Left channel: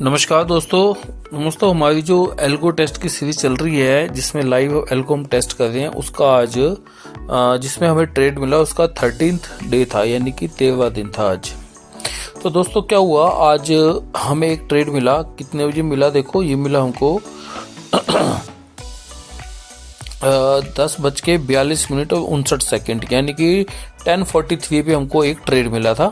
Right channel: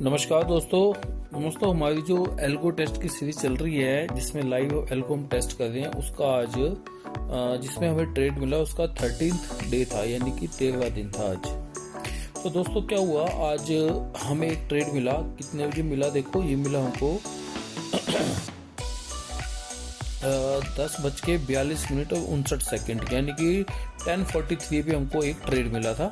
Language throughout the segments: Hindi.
नमस्कार दोस्तों हमारी जो एल्गो टेस्ट की सीरीज चल रही है जिसमें लाइव एल्गो हम टेस्ट कर रहे हैं उसका आज जिसमें हमें ट्रेड मिला उसका 13th डे था, यानी कि 13वां दिन था आज। तो दोस्तों क्या हुआ, आज हमें एक ट्रेड मिला। कितने बजे मिला देखो, ये मिला हमको 10:42 यानी कि 10:43 पे हमको एक ट्रेड मिला था।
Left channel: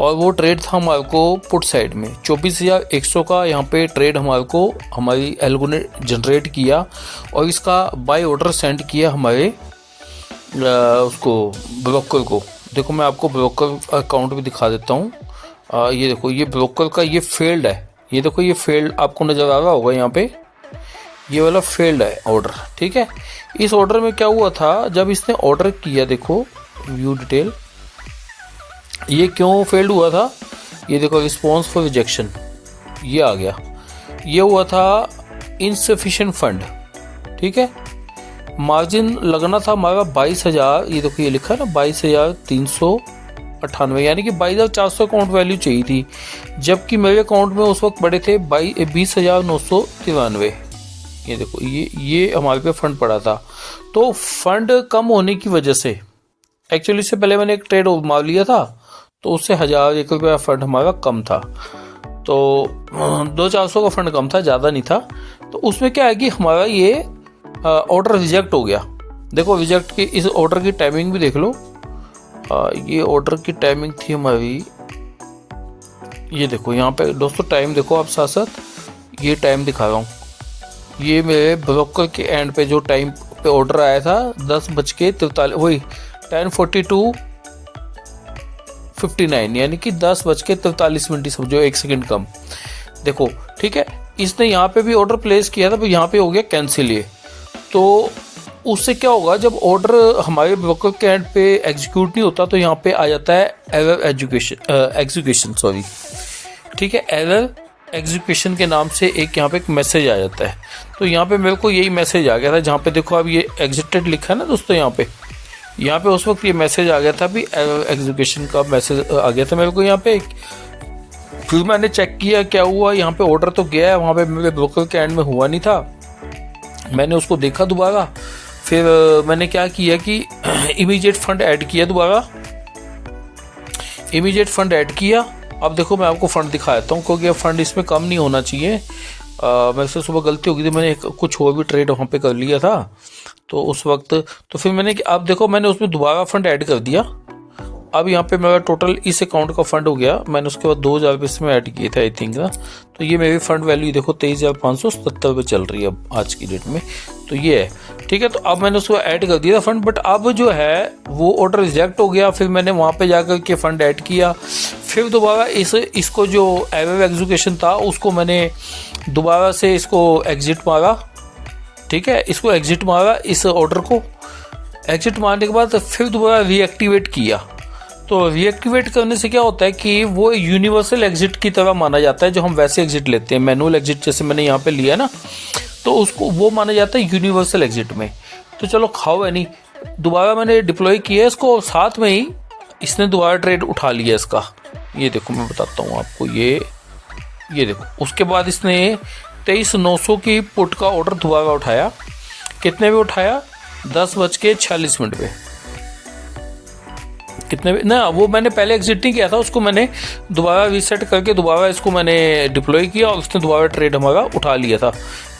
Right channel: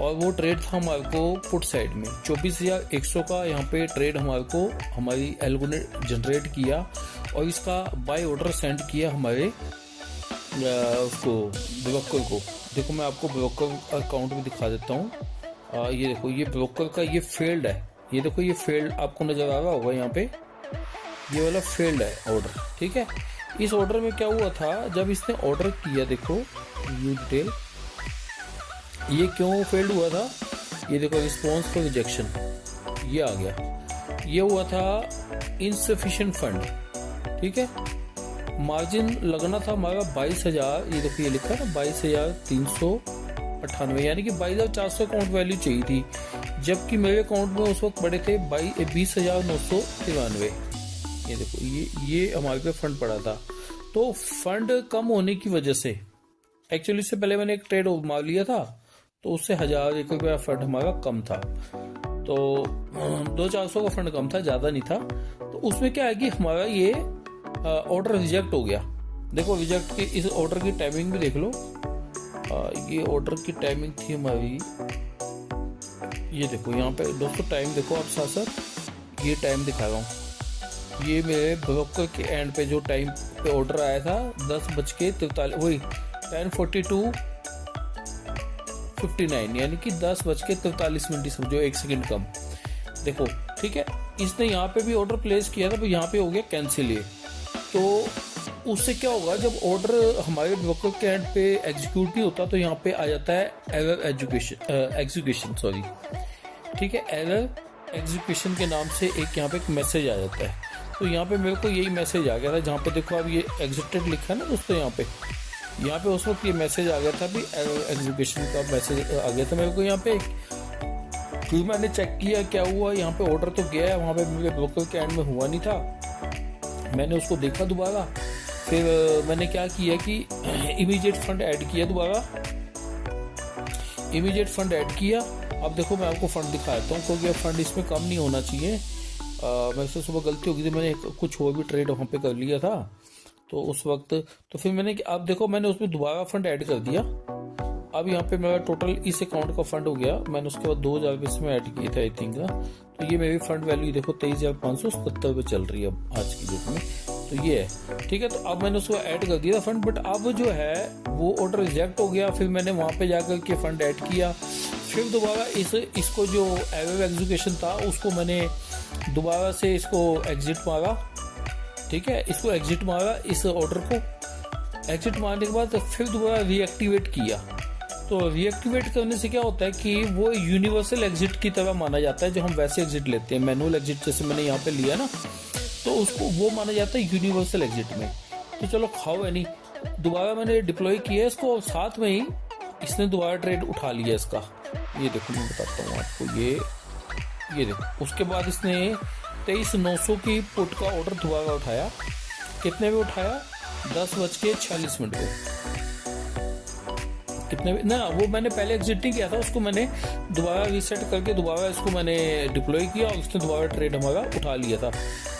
और वो ट्रेड था हमारे को पुट साइड में 24,100 का यहाँ पे ट्रेड हमारी एल्गो ने जनरेट किया और इसका बाय ऑर्डर सेंड किया हमारे उसको ब्रोकर को। देखो मैं आपको ब्रोकर अकाउंट भी दिखा देता हूँ। ये देखो, ये ब्रोकर का ये फेल्ड है। ये देखो, ये फेल्ड आपको नज़र आ रहा होगा यहाँ पे, ये वाला फेल्ड है ऑर्डर। ठीक है, इस ऑर्डर में क्या हुआ था, जब इसने ऑर्डर किया, देखो व्यू डिटेल, ये क्यों फेल्ड हुआ था, ये देखो रिस्पॉन्स फॉर रिजेक्शन, ये आ गया। ये हुआ था इनसफिशिएंट फंड। ठीक है, मार्जिन लगना था हमारा 22,000, ये देखो ये लिखा है ना 22,398, यानी कि 22,400 अकाउंट वैल्यू चाहिए थी, जबकि मेरे अकाउंट में उस वक्त पड़े थे 20,993। ये देखो, ये हमारे पे फंड पड़ा था। तो फंड कम होने की वजह से, एक्चुअली इससे पहले मैंने एक ट्रेड मार लिया था तो उससे 1,001 रुपया फंड हमारा कम था, तो 200-400 का फंड कम था, ज़्यादा नहीं था। तो उसमें क्या है कि हमारा ये ऑर्डर रिजेक्ट हो गया। देखो रिजेक्ट की इस ऑर्डर की टाइमिंग भी देख लो। ये ऑर्डर की टाइमिंग थी हमारी, ये देखो यहाँ पे दोस्तों टाइम देखो आप साथ साथ, ये टाइम दिखा रहा हूँ। ये मेरे ब्रोकर के एंड पे जो टाइम पे ऑर्डर आया था 10:43, वही 10:42:59, यानी कि 10:43 समझो, 1 सेकंड कम। देखो ठीक है, इसने यहाँ पे भी ऑर्डर प्लेस किया था, यहाँ पे हो गया कैंसिल। ये तो उससे क्या होगा, जब ऑर्डर हमारे ब्रोकर के एंड पे एग्जीक्यूट नहीं होता तो यहाँ पे आ जाता है एरर एग्जीक्यूशन सॉरी। ठीक है, एरर एग्जीक्यूशन के नाम से एक यहाँ पे एक मैसेज आ जाता है। तो यहाँ पे मेरे को यही मैसेज आ गया था, जहाँ पे देखो अब ये एग्जिटेड लिखा है ना दोस्तों, यहाँ पे उस वक्त ये मैसेज आ गया था, भी एग्जीक्यूशन का मैसेज आ गया था मेरे को यहाँ पे। फिर मैंने चेक किया क्या हुआ, यहाँ पे ऑर्डर तो गया है, वहाँ पे मेरे ब्रोकर के एंड में हुआ नहीं था। मैंने उसको देखा दोबारा, फिर मैंने क्या किया कि इमीडिएट फंड ऐड किया, दोबारा इमीडिएट फंड ऐड किया। अब देखो मैं आपको फंड दिखा देता हूँ, क्योंकि फंड इसमें कम नहीं होना चाहिए। मेरे से सुबह गलती हो गई थी, मैंने कुछ और भी ट्रेड वहाँ पे कर लिया था, तो उस वक्त तो फिर मैंने, अब देखो मैंने उसमें दोबारा फंड ऐड कर दिया। अब यहाँ पे मेरा टोटल इस अकाउंट का फंड हो गया, मैंने उसके बाद 2,000 रुपये इसमें ऐड किए थे आई थिंक ना। तो ये मेरी फंड वैल्यू देखो 23,577 रुपये चल रही है अब आज की डेट में। तो ये है, ठीक है। तो अब मैंने उसको ऐड कर दिया था फंड, बट अब जो है वो ऑर्डर रिजेक्ट हो गया। फिर मैंने वहाँ पे जाकर के फंड ऐड किया, फिर दोबारा इसको जो एरर एग्जीक्यूशन था उसको मैंने दोबारा से इसको एग्जिट मारा। ठीक है, इसको एग्जिट मारा, इस ऑर्डर को एग्जिट मारने के बाद फिर दोबारा रीएक्टिवेट किया। तो रीएक्टिवेट करने से क्या होता है कि वो यूनिवर्सल एग्जिट की तरह माना जाता है, जो हम वैसे एग्जिट लेते हैं मैनुअल एग्जिट, जैसे मैंने यहाँ पे लिया ना, तो उसको वो माना जाता है यूनिवर्सल एग्जिट में। तो चलो खाओ है नहीं, दोबारा मैंने डिप्लॉय किया इसको, साथ में ही इसने दोबारा ट्रेड उठा लिया इसका। ये देखो मैं बताता हूँ आपको, ये देखो, उसके बाद इसने 23,900 की पुट का ऑर्डर दोबारा उठाया। कितने पे उठाया, 10:46 पे। कितने पे ना, वो मैंने पहले एग्जिट नहीं किया था, उसको मैंने दोबारा रीसेट करके दोबारा इसको मैंने डिप्लॉय किया और उसने दोबारा ट्रेड हमारा उठा लिया था।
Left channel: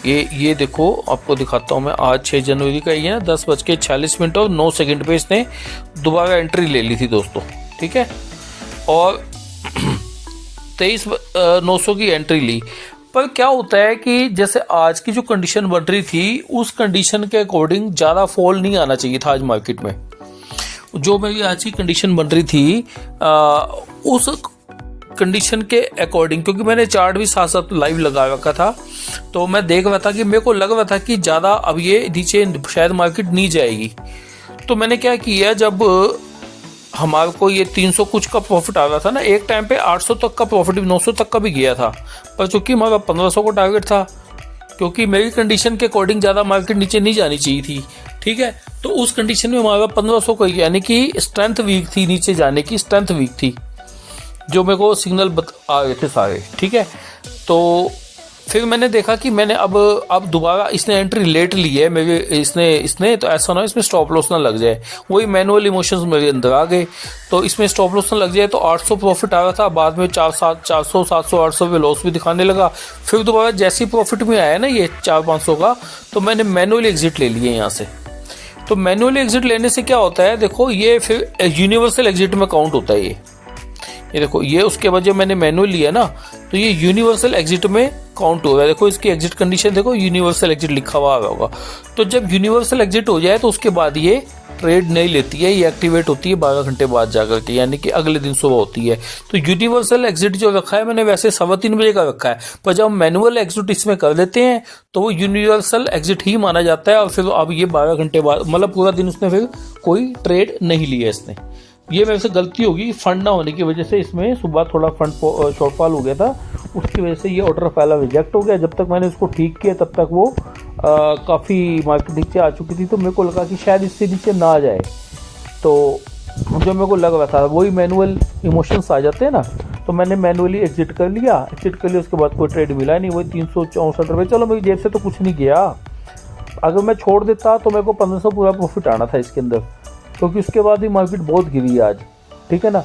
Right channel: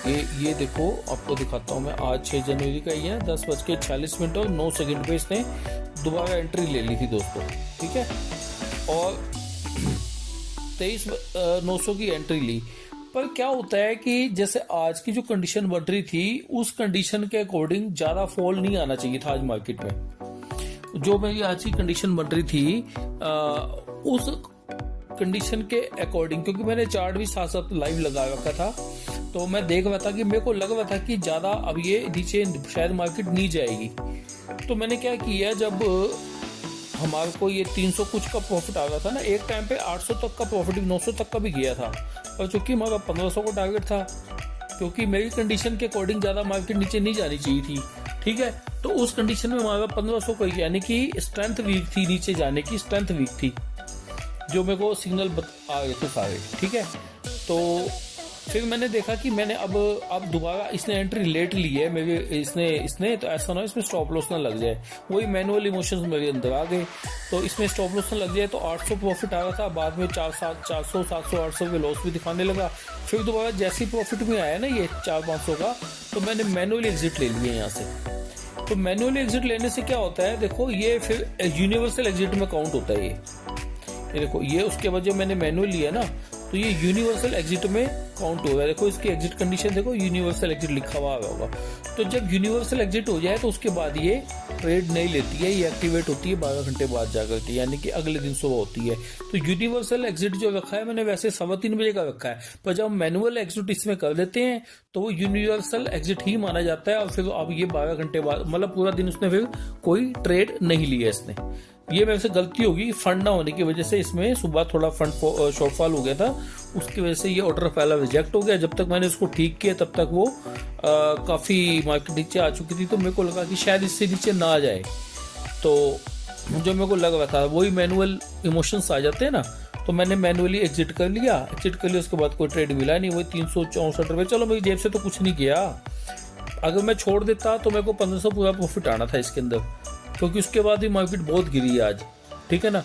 ये देखो आपको दिखाता हूँ मैं, आज 6 जनवरी का ही है ना, 10:46 और 9 सेकंड पे इसने दोबारा एंट्री ले ली थी दोस्तों। ठीक है, और 23,900 की एंट्री ली। पर क्या होता है कि जैसे आज की जो कंडीशन बन रही थी उस कंडीशन के अकॉर्डिंग ज़्यादा फॉल नहीं आना चाहिए था आज मार्केट में। जो मेरी आज की कंडीशन बन रही थी उस कंडीशन के अकॉर्डिंग, क्योंकि मैंने चार्ट भी साथ साथ लाइव लगा रखा था, तो मैं देख रहा था कि मेरे को लग रहा था कि ज़्यादा अब ये नीचे शायद मार्केट नहीं जाएगी। तो मैंने क्या किया, जब हमारे को ये 300 कुछ का प्रॉफिट आ रहा था ना, एक टाइम पे 800 तक का प्रॉफिट भी, 900 तक का भी गया था, पर चूंकि हमारा 1500 का टारगेट था, क्योंकि मेरी कंडीशन के अकॉर्डिंग ज़्यादा मार्केट नीचे नहीं जानी चाहिए थी। ठीक है, तो उस कंडीशन में हमारा 1500 का, यानी कि स्ट्रेंथ वीक थी, नीचे जाने की स्ट्रेंथ वीक थी, जो मेरे को सिग्नल आ रहे थे सारे। ठीक है, तो फिर मैंने देखा कि मैंने अब दोबारा इसने एंट्री लेट ली है मेरे, इसने तो ऐसा ना इसमें स्टॉप लॉस ना लग जाए, वही मैनुअल इमोशंस मेरे अंदर आ गए। तो इसमें स्टॉप लॉस ना लग जाए, तो 800 प्रॉफिट आ रहा था, बाद में 400 700 800 पे लॉस भी दिखाने लगा। फिर दोबारा जैसे ही प्रॉफिट में आया ना ये 400-500 का, तो मैंने मैनुअली एग्जिट ले लिए यहाँ से। तो मैनुअली एग्जिट लेने से क्या होता है, देखो ये फिर यूनिवर्सल एग्जिट में काउंट होता है ये देखो, ये उसके बाद जब मैंने मैनुअल लिया ना, तो ये यूनिवर्सल एग्जिट में काउंट हो रहा है। देखो इसकी एग्जिट कंडीशन देखो, यूनिवर्सल एग्जिट लिखा हुआ होगा। तो जब यूनिवर्सल एग्जिट हो जाए तो उसके बाद ये ट्रेड नहीं लेती है, ये एक्टिवेट होती है 12 घंटे बाद जाकर के, यानी कि अगले दिन सुबह होती है। तो यूनिवर्सल एग्जिट जो रखा है मैंने वैसे 3:15 बजे का रखा है, पर जब हम मैनुअल एग्जिट इसमें कर लेते हैं तो वो यूनिवर्सल एग्जिट ही माना जाता है। और फिर अब ये 12 घंटे बाद, मतलब पूरा दिन उसने फिर कोई ट्रेड नहीं लिया इसने। ये मेरे से गलती होगी, फंड ना होने की वजह से इसमें सुबह थोड़ा फंड शॉर्टफॉल हो गया था, उसकी वजह से ये ऑर्डर पहला रिजेक्ट हो गया। जब तक मैंने इसको ठीक किया तब तक वो काफ़ी मार्केट नीचे आ चुकी थी, तो मेरे को लगा कि शायद इससे नीचे ना आ जाए। तो जो मेरे को लग रहा था वही मैनुअल इमोशंस आ जाते हैं ना, तो मैंने मैनुअली एग्जिट कर लिया। उसके बाद कोई ट्रेड मिला नहीं, वही 364 रुपये। चलो मेरी जेब से तो कुछ नहीं गया, अगर मैं छोड़ देता तो मेरे को 1500 पूरा प्रॉफिट आना था इसके अंदर, क्योंकि उसके बाद भी मार्केट बहुत गिरी है आज, ठीक है ना।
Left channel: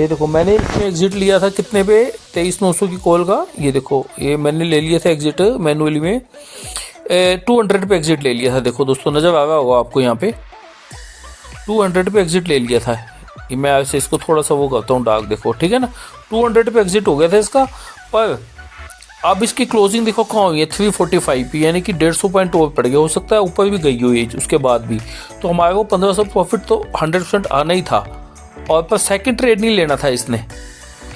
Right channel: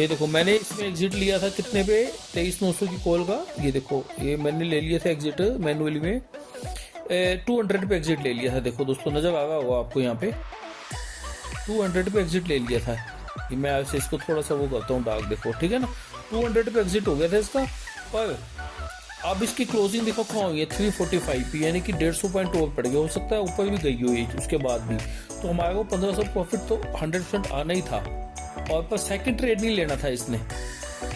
ये देखो मैंने इसमें एग्जिट लिया था कितने पे, 23,900 की कॉल का। ये देखो ये मैंने ले लिया था एग्जिट मैनुअली में, 200 पे एग्जिट ले लिया था। देखो दोस्तों नजर आ रहा होगा आपको, यहाँ पे 200 पे एग्जिट ले लिया था। ये मैं ऐसे इसको थोड़ा सा वो करता हूँ डार्क, देखो ठीक है ना, 200 पे एग्जिट हो गया था इसका। पर अब इसकी क्लोजिंग देखो कहाँ हुई है, 345 पे, यानी कि 150 पॉइंट और पड़ गया, हो सकता है ऊपर भी गई हुई है उसके बाद भी। तो हमारे को 1500 प्रॉफिट तो 100% आना ही था। और पर सेकंड ट्रेड नहीं लेना था इसने,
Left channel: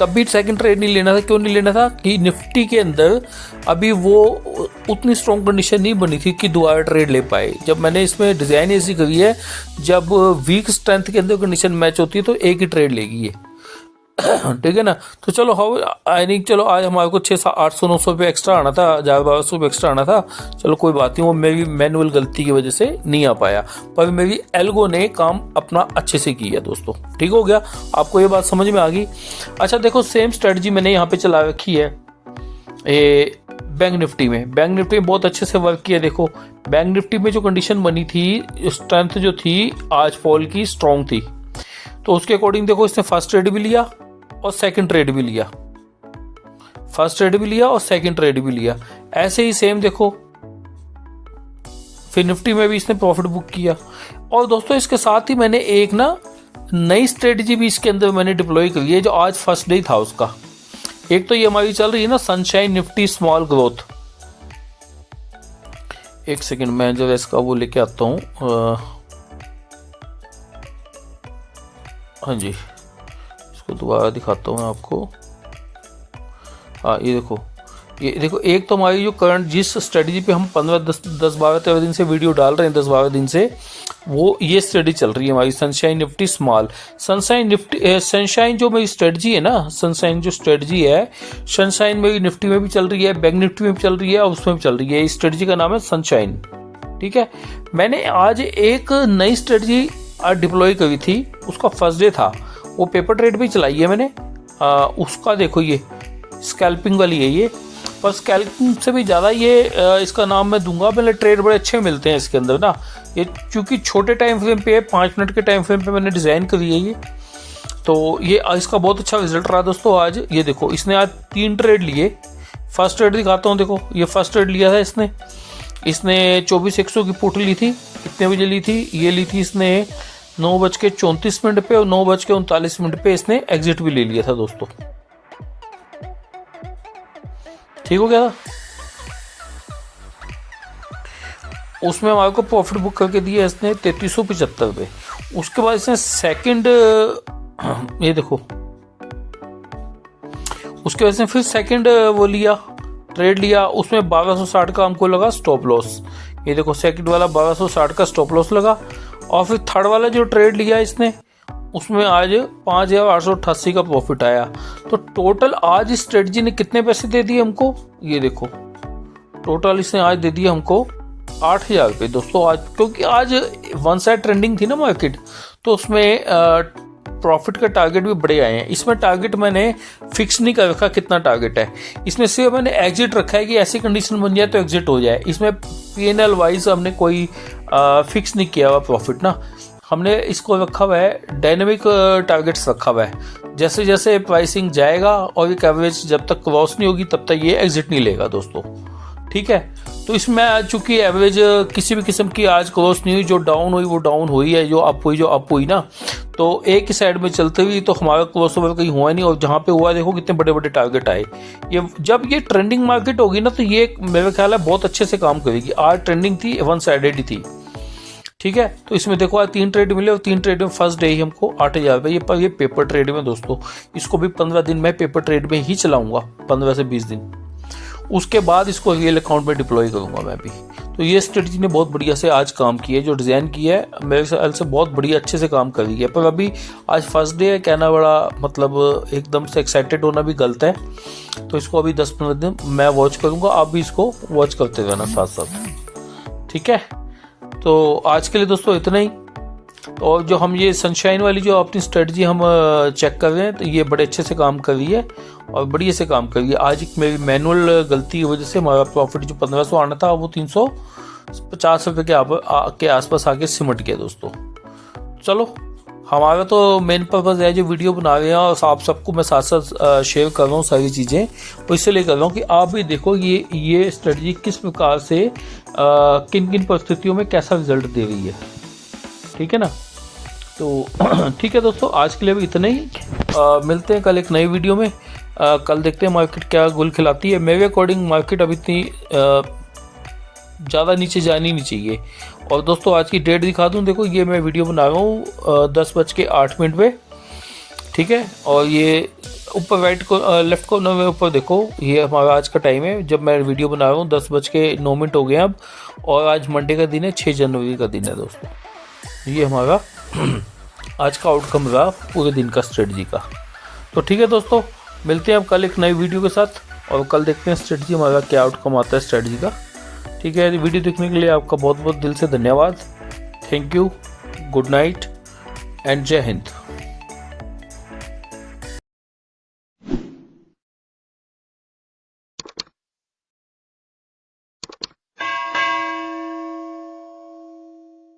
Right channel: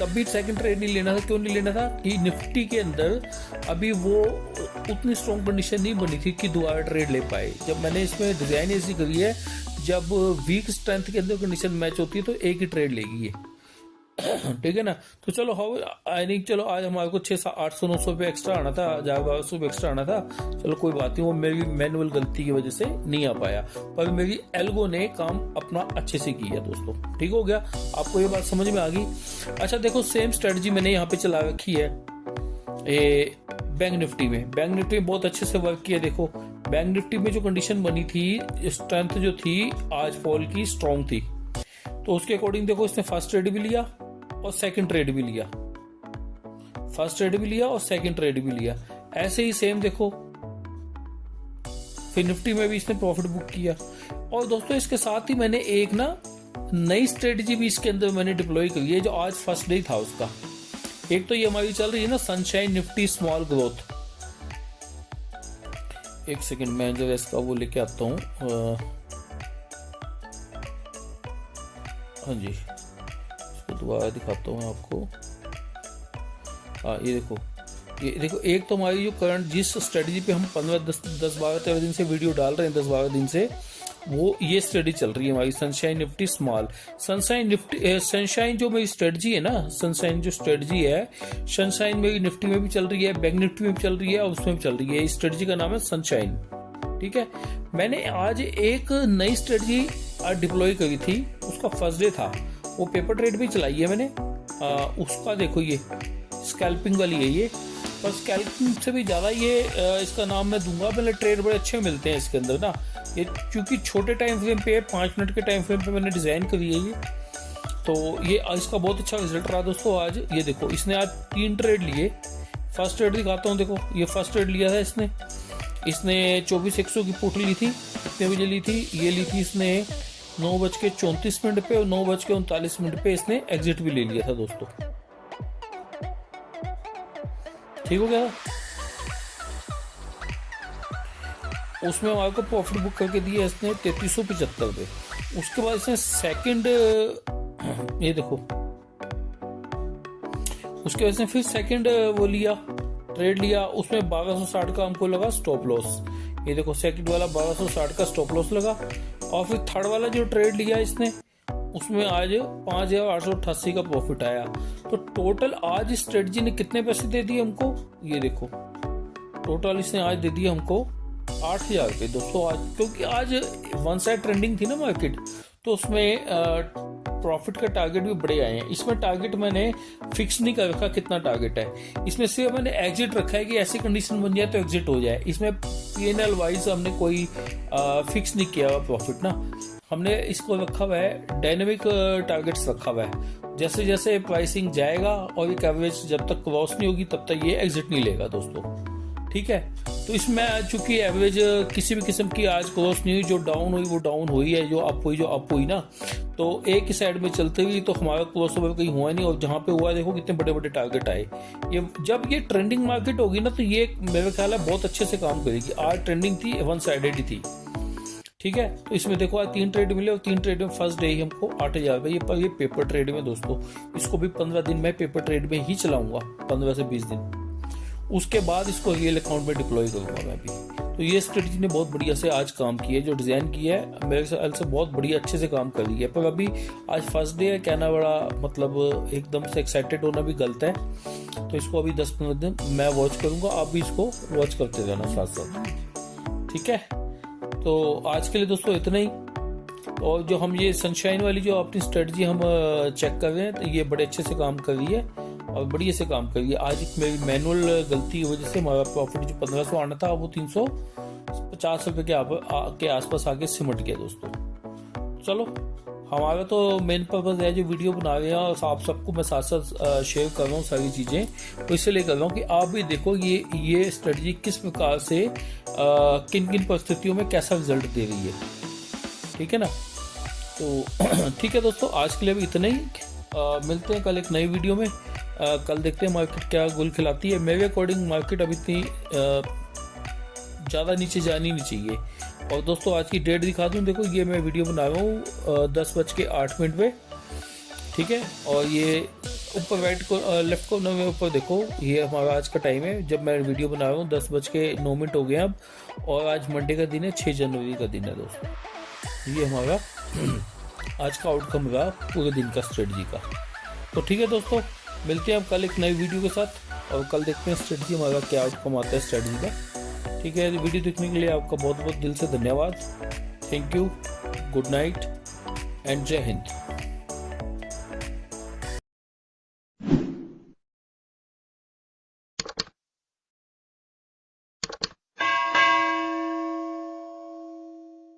तब भी सेकंड ट्रेड नहीं लेना था। क्यों नहीं लेना था कि निफ्टी के अंदर अभी वो उतनी स्ट्रॉन्ग कंडीशन नहीं बनी थी कि दोबारा ट्रेड ले पाए। जब मैंने इसमें डिज़ाइन ऐसी करी है, जब वीक स्ट्रेंथ के अंदर कंडीशन मैच होती है तो एक ही ट्रेड लेगी ये, ठीक है ना। तो चलो आई थिंक चलो आज हमारे को 600-800-900 रुपये एक्स्ट्रा आना था, 1000-1200 रुपये एक्स्ट्रा आना था। चलो कोई बात नहीं, वो मेरी मैनुअल गलती की वजह से नहीं आ पाया, पर मेरी एल्गो ने काम अपना अच्छे से किया दोस्तों, ठीक हो गया। आपको ये बात समझ में आ गई। अच्छा देखो सेम स्ट्रेटजी मैंने यहाँ पे चला रखी है बैंक निफ्टी में। बैंक निफ्टी में बहुत अच्छे से वर्क किया। देखो बैंक निफ्टी में जो कंडीशन बनी थी, स्ट्रेंथ जो थी आज फॉल की स्ट्रॉन्ग थी, तो उसके अकॉर्डिंग देखो इसने फर्स्ट ट्रेड भी लिया और सेकंड ट्रेड भी लिया, फर्स्ट ट्रेड भी लिया और सेकंड ट्रेड भी लिया। ऐसे ही सेम देखो फिर निफ्टी में भी इसने प्रॉफिट बुक किया। और दोस्तों इसके साथ ही मैंने एक ना नई स्ट्रेटजी भी इसके अंदर मैंने डिप्लॉय करी है, जो आज फर्स्ट डे था उसका। एक तो ये हमारी चल रही है ना सनशाइन निफ्टी स्मॉल ग्रोथ। एक सेकंड मैं जो इसका वो लेके आता हूँ, हाँ जी इसको दोबारा दिखाता हूँ मैं आपको। हाँ ये देखो एक तो हमारी जो करंट जिस स्ट्रेटजी पे हम 10-12-13 दिन से वीडियो डाल रहे हैं, 10-12 दिन से, वो ये स्ट्रेटजी चल रही है हमारी सनशाइन निफ्टी स्मॉल। सनशाइन जो मेरी स्ट्रेटजी है ना, सनशाइन जो स्ट्रेटजी है, सनशाइन मेरी निफ्टी में भी चल रही है, बैंक निफ्टी में भी चल रही है और उसमें भी चल रही है। इस स्ट्रेटजी का नाम है सनशाइन, ठीक है। मैंने आज एक नई स्ट्रेटजी डिप्लॉय करी थी, उसका फर्स्ट डे था, वो पेपर ट्रेड भी चलाई है मैंने। उसका देखो ये स्कैल्पिंग वाली है ये, पर स्कैल्पिंग से भी ज़्यादा ये इसका नाम मैं दूंगा, पहले ट्रेड बड़े अच्छे मिलते हैं इसके अंदर ना। ये क्योंकि छोटे टाइम फ्रेम पे है, 5 मिनट के टाइम फ्रेम पे मैंने डिज़ाइन करी है ये, तो ये इसका बहुत अच्छा रिजल्ट रहा दोस्तों आज। ये देखो इसने आज 3 ट्रेड लिए। फर्स्ट ट्रेड दिखाता हूँ, देखो ये फर्स्ट ट्रेड लिया था इसने 24,100 की पुट ली थी। कितने बजे ली थी? ये ली थी इसने 9:34 पे और 9:39 पे इसने एग्जिट भी ले लिया था दोस्तों, ठीक हो गया था। उसमें हमारे को प्रॉफिट बुक करके दिया इसने 3375 पे। उसके बाद इसने सेकंड, ये देखो उसके बाद इसने फिर सेकंड वो लिया, ट्रेड लिया, उसमें 1260 का हमको लगा स्टॉप लॉस। ये देखो सेकंड वाला 1260 का स्टॉप लॉस लगा। और फिर थर्ड वाला जो ट्रेड लिया इसने, उसमें आज 5888 का प्रॉफिट आया। तो टोटल आज इस स्ट्रेटजी ने कितने पैसे दे दिए हमको, ये देखो टोटल इसने आज दे दिया हमको 8000 रुपये दोस्तों आज, क्योंकि आज वन साइड ट्रेंडिंग थी ना मार्केट, तो उसमें प्रॉफिट का टारगेट भी बड़े आए हैं। इसमें टारगेट मैंने फिक्स नहीं कर रखा कितना टारगेट है, इसमें सिर्फ मैंने एग्जिट रखा है कि ऐसी कंडीशन बन जाए तो एग्जिट हो जाए। इसमें P&L वाइज हमने कोई फिक्स नहीं किया हुआ प्रॉफिट ना, हमने इसको रखा हुआ है डायनेमिक टारगेट्स रखा हुआ है। जैसे जैसे प्राइसिंग जाएगा और एक एवरेज जब तक क्रॉस नहीं होगी तब तक ये एग्जिट नहीं लेगा दोस्तों, ठीक है। तो इसमें चूंकि एवरेज किसी भी किस्म की आज क्रॉस नहीं हुई, जो डाउन हुई वो डाउन हुई है, जो अप हुई ना, तो एक ही साइड में चलते हुई तो हमारा क्रॉस ओवर कहीं हुआ नहीं, और जहाँ पे हुआ देखो कितने बड़े बड़े टारगेट आए। ये जब ये ट्रेंडिंग मार्केट होगी ना तो ये मेरे ख्याल है बहुत अच्छे से काम करेगी। आज ट्रेंडिंग थी, वन साइडेड ही थी, ठीक है। तो इसमें देखो आज 3 ट्रेड मिले और 3 ट्रेड में फर्स्ट डे ही हमको 8,000 रुपये, पर ये पेपर ट्रेड में दोस्तों, इसको भी 15 दिन मैं पेपर ट्रेड में ही चलाऊंगा, 15 से 20 दिन, उसके बाद इसको रियल अकाउंट में डिप्लॉय करूंगा मैं भी। तो ये स्ट्रेटजी ने बहुत बढ़िया से आज काम किया है, जो डिज़ाइन किया है मेरे ख्याल से बहुत बढ़िया अच्छे से काम कर रही है। पर अभी आज फर्स्ट डे है, कहना बड़ा मतलब एकदम से एक्साइटेड होना भी गलत है। तो इसको अभी 10-15 दिन मैं वॉच करूंगा, आप भी इसको वॉच करते रहना साथ साथ, ठीक है। तो आज के लिए दोस्तों इतना ही। और जो हम ये सनशाइन वाली जो अपनी स्ट्रेटजी हम चेक कर रहे हैं, तो ये बड़े अच्छे से काम कर रही है और बढ़िया से काम कर रही है। आज एक मेरी मैनुअल गलती की वजह से हमारा प्रॉफिट जो 1500 आना था वो 350 रुपये के आसपास आके सिमट गया दोस्तों। चलो, हमारा तो मेन पर्पज़ है जो वीडियो बना रहे हैं और आप सबको मैं साथ साथ शेयर कर रहा हूँ सारी चीज़ें, तो इसलिए कर रहा हूँ कि आप भी देखो ये स्ट्रेटजी किस प्रकार से किन किन परिस्थितियों में कैसा रिजल्ट दे रही है, ठीक है ना। तो ठीक है दोस्तों, आज के लिए भी इतना ही। मिलते हैं कल एक नई वीडियो में। कल देखते हैं मार्केट क्या गुल खिलाती है। मेरे अकॉर्डिंग मार्केट अभी इतनी ज़्यादा नीचे जानी नहीं चाहिए। और दोस्तों आज की डेट दिखा दूं, देखो ये मैं वीडियो बना रहा हूँ 10:08 पे, ठीक है। और ये ऊपर राइट को लेफ्ट कॉर्नर में ऊपर देखो, ये हमारा आज का टाइम है जब मैं वीडियो बना रहा हूँ। 10:09 हो गए अब, और आज मंडे का दिन है, 6 जनवरी का दिन है दोस्तों। ये हमारा आज का आउटकम रहा पूरे दिन का स्ट्रेटजी का। तो ठीक है दोस्तों, मिलते हैं अब कल एक नई वीडियो के साथ, और कल देखते हैं स्ट्रेटजी हमारा क्या आउटकम आता है स्ट्रेटजी का, ठीक है। वीडियो देखने के लिए आपका बहुत बहुत दिल से धन्यवाद। Thank you, good night and जय हिंद।